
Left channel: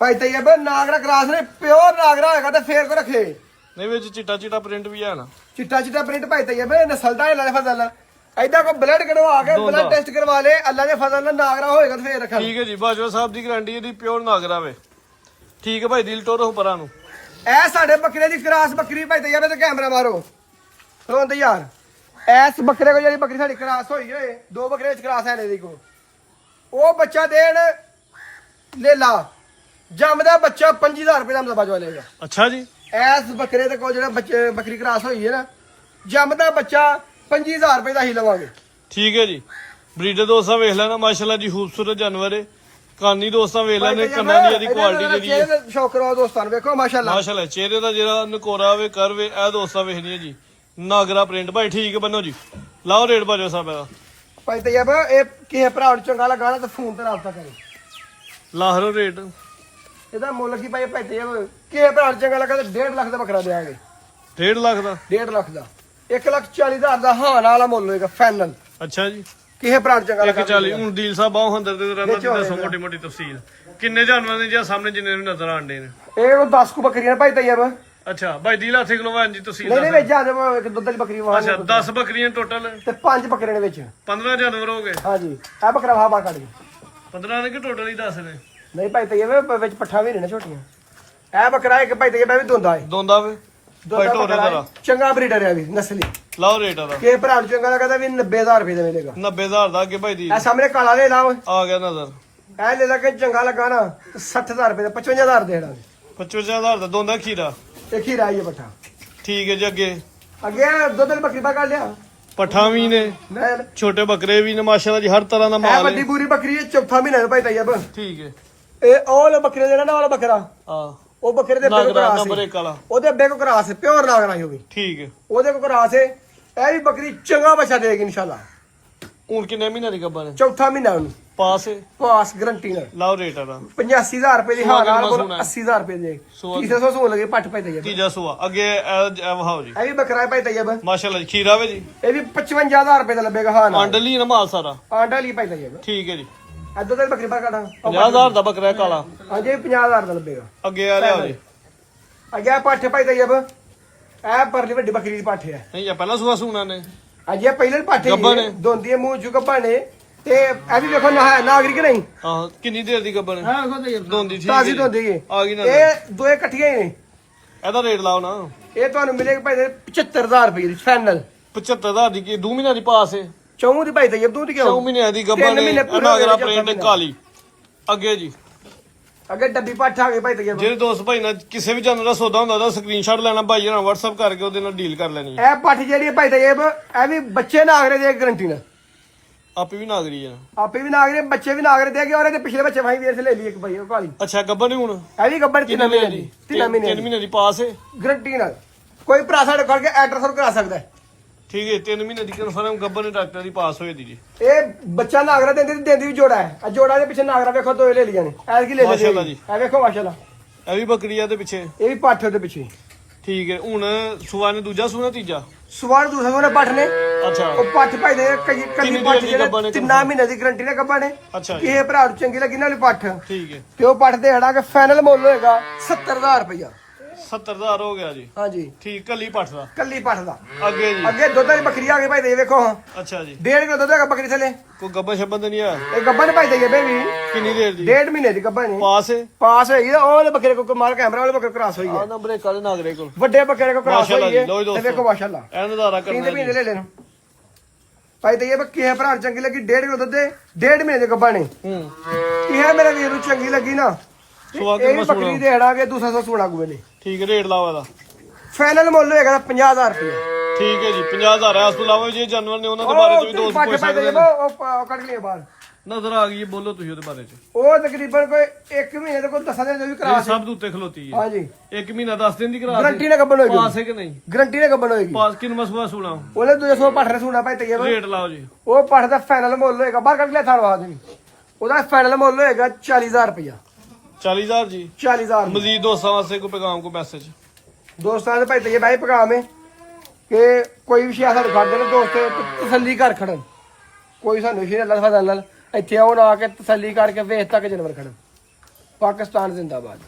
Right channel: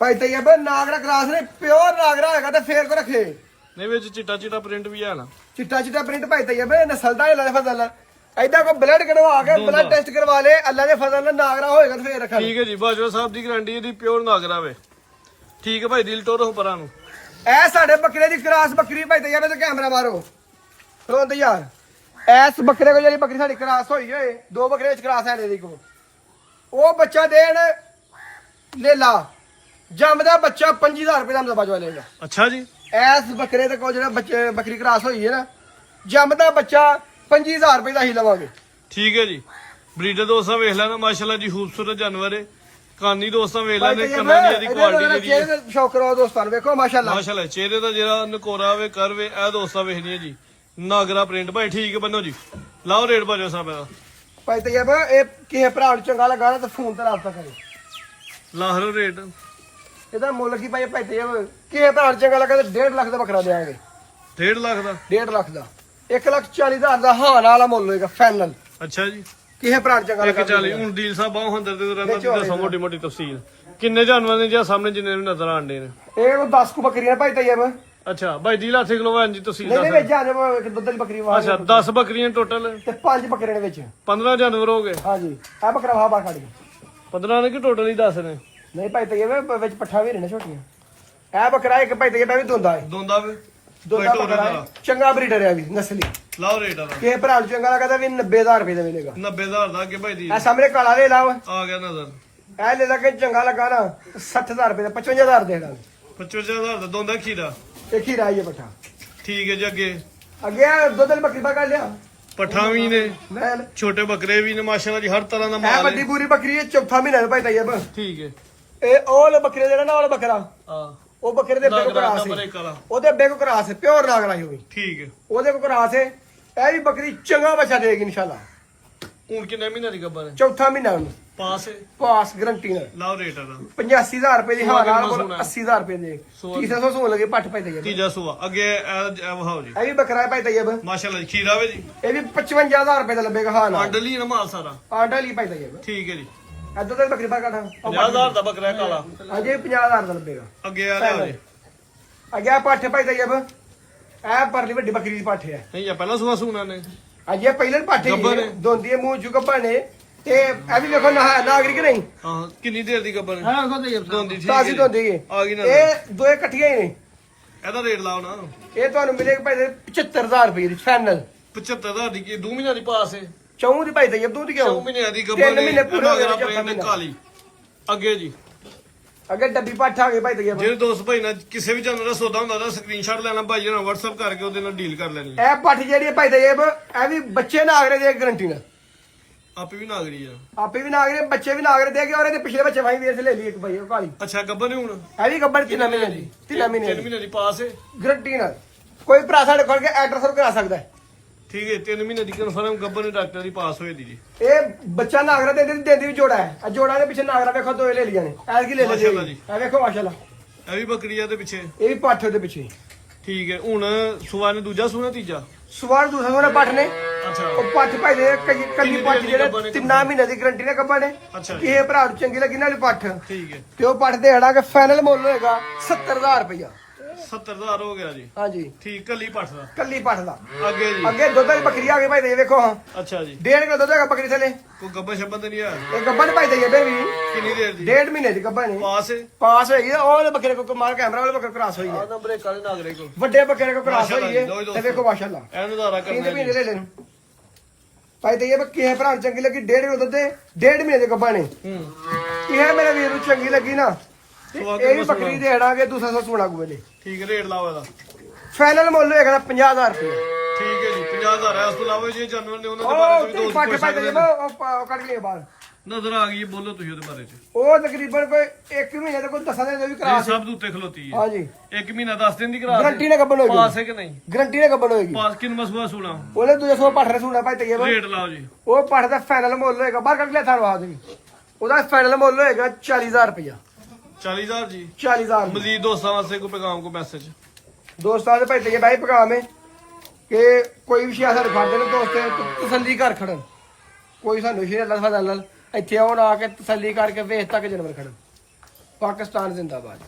ਭਾਈ ਤੈਯਬ ਨਾਗਰਾ ਕਰਾਸ ਨੇ ਪਿਓਰ ਨਾਗਰਾ ਹੈਗਾ ਤੇ ਫੇਰ ਕੋ ਰੱਖੇ ਨੇ ਵਿੱਚ ਚਿੱਟਾ ਪ੍ਰਿੰਟ ਵੀ ਹੈ ਨਾ ਚਿੱਟਾ ਚਿੱਟਾ ਪ੍ਰਿੰਟ ਭਾਈ ਤੈਯਬ ਨਸਲ ਦਾ ਹੈ ਫਜ਼ਲ ਐਦਾਂ ਕੋ ਬਲੱਡ ਕਢਵਾ ਕੇ ਦੋਂਦਾ। ਬਲੱਡ ਟੈਸਟ ਕਰਵਾ ਲੇ ਅੱਲਾ ਦੇ ਫਜ਼ਲ ਨਾਲ ਨਾਗਰਾ ਹੋਏਗਾ ਤੇ ਫੇਰ ਰੱਖਾਂ ਠੀਕ ਹੈ ਜੀ ਬਾਜਵਾ ਸਾਹਿਬ ਦੀ ਗਾਰੰਟੀ ਇਹਦੀ ਪਿਓਰ ਨਾਗਰਾ ਵੇ ਠੀਕ ਹੈ ਭਾਈ ਦਿਲ ਟੋਰੋ ਪਰਾਂ ਨੂੰ ਐ ਸਾਡੇ ਬੱਕਰੇ ਦੀ ਕਰਾਸ ਬੱਕਰੀ ਭਾਈ ਤੈਯਬ ਤੇ ਕੈਮਰਾ ਮਾਰੋ ਰੋਂਦ ਯਾਰ ਐਸ ਬੱਕਰੇ ਕੋ ਜਿਹੜੀ ਬੱਕਰੀ ਸਾਡੀ ਕਰਾਸ ਹੋਈ ਹੋਏ ਦੋ ਬੱਕਰੇ ਵਿੱਚ ਕਰਾਸ ਹੈ ਨੇ ਕੋ ਉਹ ਬੱਚਾ ਦੇਣ ਲੇਲਾ ਜੰਮਦਾ ਬੱਚਾ 25000 ਰੁਪਏ ਦਾ ਬਾਜਵਾ ਲਏਗਾ ਅੱਛਾ ਜੀ ਐਸ ਬੱਕਰੇ ਦੇ ਕੋਲ ਜਿਹੜਾ ਬੱਚੇ ਬੱਕਰੀ ਕਰਾਸ ਹੋਈ ਹੈ ਨਾ ਜੰਮਦਾ ਬੱਚਾ 25000 ਰੁਪਏ ਦਾ ਹੀ ਲਵਾਂਗੇ ਠੀਕ ਹੈ ਜੀ ਬਰੀਡਰ ਦੋਸਤਾਂ ਵੇਖ ਲੈਣਾ ਮਾਸ਼ਾਅੱਲਾ ਜੀ ਖੂਬਸੂਰਤ ਜਾਨਵਰ ਹੈ ਕਾਨੀ ਦੋਸਤਾਂ ਵੇਖ ਲੈਣੇ ਕੰਨਾਂ ਦੀ ਇਹਦੀ ਕੁਆਲਿਟੀ ਜਿਹੜੀ ਹੈ ਸ਼ੌਕ ਕਰੋ ਦੋਸਤਾਂ ਨੂੰ ਵੇਖੋ ਮਾਸ਼ਾਅੱਲਾ ਮਾਸ਼ਾਅੱਲਾ ਚਿਹਰੇ ਦਾ ਜਿਹੜਾ ਨਕੋਰਾ ਵੇ ਕਰਵੇ ਇਹ ਦੋਸਤਾਂ ਵੇਖਣੀ ਹੈ ਜੀ ਨਾਗਰਾ ਪ੍ਰਿੰਟ ਭਾਈ ਠੀਕ ਹੈ ਬੰਨੋ ਜੀ ਲਾਓ ਰੇਟ ਬਾਜਵਾ ਸਾਹਿਬ ਇਹਦਾ ਭਾਈ ਤੈਯਬ ਇਹ ਕਿਸੇ ਭਰਾ ਨੂੰ ਚੰਗਾ ਲੱਗਾ ਨਾ ਤਾਂ ਫੋਨ ਤੇ ਰਾਬਤਾ ਕਰੇ ਲਾਹਰੋ ਰੇਟ ਇਹਦਾ ਮੁੱਲ ਕੀ ਭਾਈ ਤੈਯਬ ਕਿਸੇ ਭਰਾ ਨੂੰ ਚੰਗਾ ਲੱਗਾ ਤਾਂ 1.5 ਲੱਖ ਦਾ ਬੱਕਰਾ ਦੇਵਾਂਗੇ 1.5 ਲੱਖ ਦਾ 1.5 ਲੱਖ ਦਾ 1,40,000 ਦਾ ਹਾਂ ਵਾਲਾ ਮੁੱਲ ਹੋਏਗਾ ਫਾਈਨਲ ਅੱਛਾ ਜੀ ਕਿਸੇ ਭਰਾ ਨੂੰ ਚੰਗਾ ਲੱਗਾ 140 ਹੁਣ ਡੀਲ ਸਾਹਿਬ ਬਾਹ ਹੁੰਦਰ ਤੇ ਰਹਿੰਦਾ ਦੀ ਦੱਸੋ ਮੋਟੀ ਮੋਟੀ ਤਫਸੀਲ ਕਿੰਨੇ ਜਾਨਵਰ ਨੇ ਜਾਂ ਸਾਹਮਣੇ ਜਿੰਨੇ ਵੀ ਨਜ਼ਰ ਆਉਂਦੇ ਨੇ ਇਹ ਉਹ 10 ਕੁ ਬੱਕਰੀਆਂ ਭਾਈ ਤੈਯਬ ਅੱਛਾ ਭਾਈ ਡੀਲ ਹੱਥੇ ਕਿਲੋ ਵਾਂ ਜੀ ਤਫਸੀਲ ਨਹੀਂ ਦੱਸ ਵਿੱਚ ਆ ਜਾਵੇ ਇੱਕ ਦੁੱਧ ਦੀ ਬੱਕਰੀ ਵਾਹ ਅੱਛਾ 10 ਬੱਕਰੀਆਂ ਟੋਟਲ ਤੇ 5 ਬੱਕਰੇ ਦੇ ਵਿੱਚ 15 ਜਾਨਵਰ ਹੋ ਗਏ ਹਾਂਜੀ ਇਹ ਬੱਕਰਾ ਵਾਹ ਮਾਰ ਕੱਢ ਗਈ 15 ਨੇ ਕਿ ਟੋਟਲ ਹੀ 10 ਨੇ ਨਹੀਂ ਭਾਈ ਤੈਯਬ ਵਿੱਚ ਪੱਠਾ ਵੀ ਨੇ ਨਾ ਛੋਟੀਆਂ ਇਹ ਬੱਕਰਾ ਇੱਕ ਭਾਈ ਤੈਯਬ ਵੀ ਦੋਂਦਾ ਹੈ ਦੋਂਦਾ ਵੇ ਭਾਈ ਢੋਰੇ ਦਾ ਚੰਗਾ ਬਰੀਡਰ ਹੈ ਵੀ ਨਸਲੀ ਲਾਓ ਰੇਟ ਇਹਦਾ ਕਿਸੇ ਭਰਾ ਨੂੰ ਚੰਗਾ ਲੱਗਦਾ ਵੀ 90000 ਰੁਪਏ ਦਾ ਮਿਲੇਗਾ 90000 ਦਾ ਅੱਗੇ ਭਾਈ ਦੀ ਇਹ ਸਾਹਮਣੇ ਕਾਲਾ ਲੈ ਲਾਓ ਆ ਗਿਆ ਨਜ਼ਰ ਇਹ ਲੈ ਲਾ ਕੇ ਚੰਗਾ ਲੱਗਾ ਨਾ 60000 ਰੁਪਏ ਦਾ 55000 ਦੇਣਾ 55000 ਦਾ ਦੋਂਦਾ ਖੀਰਾ ਇੱਕ ਹੀ ਰਾਈ ਹੈ ਪੱਠਾ ਠੀਕ ਹੈ ਜੀ ਅੱਗੇ ਅੱਗੇ ਦੋ ਦਿਨ ਬੱਕਰੀ ਪਾ ਕਰ ਲਿਆ ਪੱਠਾਂ ਵੀ ਨੇ ਨੈਣ ਛੋਟੇ ਬੱਕਰੇ ਵੀ ਨੇ ਮਾਸ਼ਾਅੱਲਾ ਜੀ ਹਰ ਤਰ੍ਹਾਂ ਦਾ ਇਹ ਮਾਲ ਵੱਡੀ ਹੈ ਪੂਰੀ ਬੱਕਰੀ ਹੈ ਚੌਥਾ ਮਹੀਨਾ ਹੈ ਭਾਈ ਤੈਯਬ ਠੀਕ ਹੈ ਇਹ ਉਹ ਵਾਲਾ ਬੱਕਰੇ ਜਿਹੜਾ ਨਾ ਵਾਲਾ ਬੱਕਰਾ ਆ ਉਹ ਬੱਕਰੇ ਦੇ ਬੇਕੋ ਨਾਗਰਾ ਕਰਾਸ ਨੰਬਰ ਹੈ 1 ਵਾਲਾ ਉਹਦੇ ਬੇਕੋ ਕਰਾਸ ਹੈ ਪਿਓਰ ਨਾਗਰਾ ਹੀ ਹੋਗੀ ਠੀਕ ਹੈ ਉਹਦੇ ਕੋ ਕਰਾਸ ਹੈ ਇਹ ਵੀ ਬੱਕਰੀ ਚੰਗਾ ਬੱਚਾ ਦੇਗੀ ਇਨਸ਼ਾਅੱਲਾ ਹੁਣ ਕਿੰਨੇ ਮਹੀਨੇ ਦੀ ਗੱਬਰ ਹੈ ਚੌਥਾ ਮਹੀਨਾ ਉਹਨੂੰ ਪਾਸ ਹੈ ਪਾਸ ਗਰੰਟੀ ਨਾਲ ਲਾਓ ਰੇਟ ਇਹਦਾ 85000 ਰੁਪਏ ਦੀ ਸੁਆ ਹਾਂ ਕੇ ਨਾਲ ਮਸੂਣਾ ਹੈ। 80000 ਰੁਪਏ ਦੇ ਸੁਆ- 300 ਸੋ ਲਗੇ ਪੱਟ ਪੈ ਤੈਯਬ ਤੀਜਾ ਸੂਆ ਅੱਗੇ ਇਹ ਵਹਾਓ ਜੀ ਇਹ ਵੀ ਬੱਕਰਾ ਹੈ ਭਾਈ ਤੈਯਬ ਮਾਸ਼ਾਅੱਲਾ ਜੀ ਖੀਰਾ ਵੇ ਜੀ ਇਹ ਵੀ 55000 ਰੁਪਏ ਦਾ ਲੱਭੇਗਾ ਹਾਂ ਨਾਲ ਆਂਡਲੀ ਨਾ ਮਾਲ ਸਾਰਾ ਆਂਡਾ ਲਈ ਭਾਈ ਤੈਯਬ ਠੀਕ ਹੈ ਜੀ ਇੱਧਰ ਤੇ ਬੱਕਰੀ ਪਾ ਕਾਟਾ 50000 ਦਾ ਬੱਕਰਾ ਹੈ ਕਾਲਾ ਅਜੇ 50000 ਦਾ ਲੱਭੇਗਾ ਅੱਗੇ ਆ ਲਿਆਓ ਜੀ ਅੱਗੇ ਪੱਠ ਭਾਈ ਤੈਯਬ ਇਹ ਪਰਲੀ ਵੱਡੀ ਬੱਕਰੀ ਦੀ ਪੱਠ ਹੈ ਨਹੀਂ ਆ ਪਹਿਲਾਂ ਸੂਆ ਸੂਣਾ ਨੇ ਅਜੇ ਪਹਿਲੇ ਪੱਠ ਗੱਭਣ ਨੇ। ਦੋਂਦੀ ਹੈ ਮੂੰਹ ਚੁ ਗੱਭਣ ਨੇ ਤੇ ਇਹ ਵੀ ਵੇਖੋ ਨਾਗਰਿਕ ਨਹੀਂ ਹਾਂ ਕਿੰਨੀ ਦੇਰ ਦੀ ਗੱਬਰ ਹਾਂ ਉਹ ਤੈਯਬ ਦੋਂਦੀ ਠੀਕ ਹੈ ਤਾਜ਼ੀ ਜੀ। ਦੋਂਦੀ ਹੈ ਆ ਗਈ ਨਾ ਇਹ ਦੋਏ ਇਕੱਠੀਆਂ ਹੀ ਨੇ ਇਹਦਾ ਰੇਟ ਲਾਓ ਨਾ ਇਹ ਤੁਹਾਨੂੰ ਮਿਲੇਗਾ ਭਾਈ 75000 ਰੁਪਏ ਦੀ ਫਾਈਨਲ 75000 ਦੀ ਕੀ 2 ਮਹੀਨਿਆਂ ਦੀ ਪਾਸ ਹੈ ਚੌਂ ਦੀ ਭਾਈ ਤੈਯਬ ਤੂੰ ਦੀ 2 ਕਿਉਂ ਮਹੀਨਿਆਂ ਦੀ ਗੱਬਰ ਨੇ ਮਹੀਨੇ ਪੂਰੇ ਨਾਗਰਾ ਹੋ ਗਏ ਪ੍ਰਿੰਟ ਆਪਾਂ ਕਾਲੀ ਅੱਗੇ ਜੀ ਅੱਗੇ ਡੱਬੀ ਪੱਠ ਆ ਗਈ ਭਾਈ ਤੈਯਬ ਜਿਹੜੇ ਦੋਸਤ ਭਾਈ ਨਾਲ ਕਿਸੇ ਵੀ ਜਾਨਵਰ ਦਾ ਸੌਦਾ ਹੁੰਦਾ ਉਹਦਾ ਸਕਰੀਨਸ਼ਾਟ ਲੈਣਾ ਭਾਈ ਨਾਲ WhatsApp ਕਰਕੇ ਉਹਦੇ ਨਾਲ ਡੀਲ ਕਰ ਲੈਣੀ ਇਹ ਪੱਠ ਜਿਹੜੀ ਹੈ ਭਾਈ ਤੈਯਬ ਇਹ ਵੀ ਬੱਚੇ ਨਾਗਰੇ ਦੇ ਗਰੰਟੀ ਨਾਲ ਆਪੇ ਵੀ ਨਾਗਰੀ ਆ ਆਪੇ ਵੀ ਨਾਗਰੇ ਬੱਚੇ ਵੀ ਨਾਗਰੇ ਦੇ ਕੇ ਔਰ ਇਹਦੇ ਪਿਛਲੇ ਬੱਚੇ ਵਾਹੀ ਵੀਰ ਸੇ ਲੈ ਲਈ ਇੱਕ ਭਾਈ ਉਹ ਕਾਲੀ ਅੱਛਾ ਗੱਬਰ ਨਹੀਂ ਹੁਣ ਇਹ ਵੀ ਗੱਬਰ ਕਿੰਨੇ ਕਿੰਨੇ ਮਹੀਨੇ ਦੀ ਦੀ 3 ਮਹੀਨੇ 3 ਮਹੀਨੇ ਦੀ ਪਾਸ ਹੈ ਗਰੰਟੀ ਨਾਲ ਕੋਈ ਭਰਾ ਸਾਡੇ ਕੋਲ ਕੇ ਐਡਰੈਸ ਕਰਾ ਸਕਦਾ ਹੈ। ਠੀਕ ਹੈ 3 ਮਹੀਨੇ ਦੀ ਕਨਫਰਮ ਗੱਬਰ ਨੇ ਡਾਕਟਰ ਦੀ ਪਾਸ ਹੋਈ ਦੀ ਜੀ ਇਹ ਬੱਚਾ ਨਾਗਰਾ ਦਿੰਦੀ ਵੀ ਜੋੜਾ ਹੈ ਆ ਜੋੜਾ ਦੇ ਪਿੱਛੇ ਨਾਗਰਾ ਵੇਖੋ ਦੋ ਲੈ ਲਈਆਂ ਨੇ ਐਸ ਕੀ ਲੈ ਲਈ ਮਾਸ਼ਾਅੱਲਾ ਜੀ। ਆ ਵੇਖੋ ਮਾਸ਼ਾਅੱਲਾ ਇਹ ਵੀ ਬੱਕਰੀਆਂ ਦੇ ਪਿੱਛੇ ਇਹ ਵੀ ਪੱਠ ਦੇ ਪਿੱਛੇ ਠੀਕ ਹੈ ਹੁਣ ਸੁਆ ਨੇ ਦੂਜਾ ਸੂਣਾ ਤੀਜਾ ਸਵਾਰ ਦੂਸਰੇ ਕੋਲੇ ਪੱਠ ਨੇ ਅੱਛਾ ਉਹ ਪੱਠ ਭਾਈ ਦੇ ਕੱਲੀ ਕਿੰਨੀ ਪੱਠ ਦੇਰ ਦੀ ਗੱਭਾ ਨੇ ਜਿਹੜੇ 3 ਮਹੀਨੇ ਦੀ ਗਰੰਟੀ ਨੇ ਗੱਭਾ ਨੇ ਅੱਛਾ ਜੀ ਇਹ ਭਰਾ ਨੂੰ ਚੰਗੀ ਲੱਗੀ ਨਾਲੇ ਪੱਠ ਠੀਕ ਹੈ ਤੇ ਉਹ ਪੱਠ ਦੇ ਹੜਾ ਕੇ ਫਾਈਨਲ ਮੁੱਲ ਹੋਏਗਾ 70000 ਰੁਪਇਆ 70000 ਹੋ ਗਿਆ ਜੀ ਹਾਂਜੀ ਠੀਕ ਕੱਲੀ ਪੱਠ ਦਾ ਕੱਲੀ ਪੱਠ ਦਾ ਅੱਗੇ ਜੀ ਅੱਗੇ ਦੁੱਧ ਦੀ ਬੱਕਰੀ ਆ ਗਈ ਭਾਈ ਦੇ ਵੇਖੋ ਹਾਂ ਅੱਛਾ ਜੀ 1.5 ਕਿਲੋ ਦੁੱਧ ਹੈਗਾ ਬੱਕਰੀ ਥਲੇ ਕੋਈ ਗੱਬਰ ਸ਼ੱਬਰ ਤੇ ਨਹੀਂ ਆ ਇਹ ਗੱਭਾ ਨੇ ਭਾਈ ਦੇ ਬੇਬੀ ਕਿੰਨੀ ਦੇਰ ਦੀ 1.5 ਮਹੀਨੇ ਦੀ ਗੱਭਾ ਨੇ ਪਾਸ ਹੈ ਪਾਸ ਹੋਈ ਨਾ ਉਹ ਵਾਲੇ ਬੱਕਰੇ ਕੋ ਮਾਰ ਕੈਮਰਾ ਵਾਲੇ ਬੱਕਰੇ ਕ੍ਰਾਸ ਹੋਈ ਹੈ ਆ ਨੰਬਰ 1 ਵਾਲੇ ਨਾਗਰੇ ਕੋਲ ਵੱਡੇ ਬੱਕਰੇ ਕੋ ਕ੍ਰਾਸ ਮਾਸ਼ਾਅੱਲਾ ਹੋਈ ਹੈ ਜੀ, ਲਓ ਜੀ ਤੇ ਦੋਸਤੋ। ਵੇਖੋ ਮਾਸ਼ਾਅੱਲਾ ਇਹ ਨਜ਼ਾਰਾ 3 ਕਰਨਾ ਮਹੀਨੇ ਜੀ ਲੈ ਲੈਣ ਭਾਈ ਤੇ ਇਹ ਬੱਕੀ ਹੈ ਭਰਾ ਨੂੰ ਚੰਗੀ ਲੱਗੀ 1.5 ਕਿਲੋ ਦੁੱਧ ਦੇ 1.5 ਮਹੀਨੇ ਦੇ ਗੱਭਾ ਨੇ ਹੂੰ ਇਹ ਮੇਰੇ ਵੀਰ ਨੂੰ ਚੰਗੀ ਲੱਗੀ ਨਾ ਤੇ ਸੁਆ ਕੇ ਇਹ ਵੀ ਮਸੂਣਾ। ਬੱਕਰੀ ਦੇ ਹੜਾਂਗੇ ਦੂਸਰਾ ਸੋਣਾ ਗੁਵੇਲੇ ਠੀਕ ਹੈ ਰੇਟ ਲਾਓ ਇਹਦਾ ਫਾਈਨਲ ਮੁੱਲ ਹੋਏਗਾ 50000 ਰੁਪਏ ਠੀਕ ਹੈ ਜੀ 50000 ਹੈ। ਇਸ ਤੋਂ ਇਲਾਵਾ ਜੇ ਜਾਨਵਰ ਨੇ ਉਹਨਾਂ ਦੇ ਬਾਰੇ ਚ ਵੀ ਦੋਸਤ ਪੁੱਛ ਸਕਦੇ ਨੇ। ਉਹ ਕੱਢ ਲਿਆ ਬਾਹਰ ਨਜ਼ਰ ਆ ਗਈ ਹੈ, ਬੋਲੋ ਤੁਸੀਂ ਉਹਦੇ ਬਾਰੇ ਚ। ਉਹ ਤਕਰੀਬਨ ਕੋਈ 1 ਮਹੀਨੇ ਦੇ ਕੋਈ 10 ਦਿਨ ਦੇ ਵੀ ਕਰਾ ਇਹ ਸਭ ਦੇ ਉੱਤੇ ਖਲੋਤੀ ਹੈ। ਹਾਂਜੀ 1 ਮਹੀਨਾ 10 ਦਿਨ ਦੀ ਕਰਾ ਗਰੰਟੀ ਨਾਲ ਗੱਬਣ ਹੋਏਗੀ। ਪਾਸ ਹੈ ਕਿ ਨਹੀਂ? ਗਰੰਟੀ ਨਾਲ ਗੱਬਣ ਹੋਏਗੀ। ਪਾਸ ਕਿੰਨਾ ਮਸੂਆ ਸੁਣਾ ਉਹਨੇ 200 ਪੱਠ ਸੁਣਾ ਭਾਈ ਤੇ ਰੇਟ ਲਾਓ ਜੀ। ਉਹ ਪੱਠ ਦਾ ਫਾਈਨਲ ਮੁੱਲ ਹੋਏਗਾ ਬਾਹਰ ਕੱਢ ਲਿਆ ਥਾੜਵਾ ਦੇ ਉਹਦਾ ਫਾਈਨਲ ਮੁੱਲ ਹੋਏਗਾ 40000 ਰੁਪਇਆ। 40000 ਜੀ। 40000 ਮਜ਼ੀਦ ਦੋਸਤਾਂ ਵਾਸਤੇ ਕੋਈ ਪੈਗਾਮ ਕੋ ਮੈਸੇਜ? ਦੋਸਤਾਂ ਦੇ ਭਾਈ ਤੇ ਬਾਈ ਪੈਗਾਮ ਹੈ ਕਿ ਕੋਈ ਵੀ ਸ਼ਿਆ ਸਾਨੂੰ ਖੜਦੇ ਨੇ ਦੋਸਤ ਤਸੱਲੀ ਕਰ ਖੜਨ। ਕੋਈ ਸਾਨੂੰ ਸ਼ਿਆ ਅੱਲਾ ਸਾਡਾ ਨਾਲ ਇੱਥੇ ਆਉਣ ਆ ਕੇ ਤਸੱਲੀ ਕਰਕੇ ਵੇਖ ਤੱਕ ਜਾਨਵਰ ਖੜਨ। ਪਾਕਿਸਤਾਨ ਜ਼ਿੰਦਾਬਾਦ।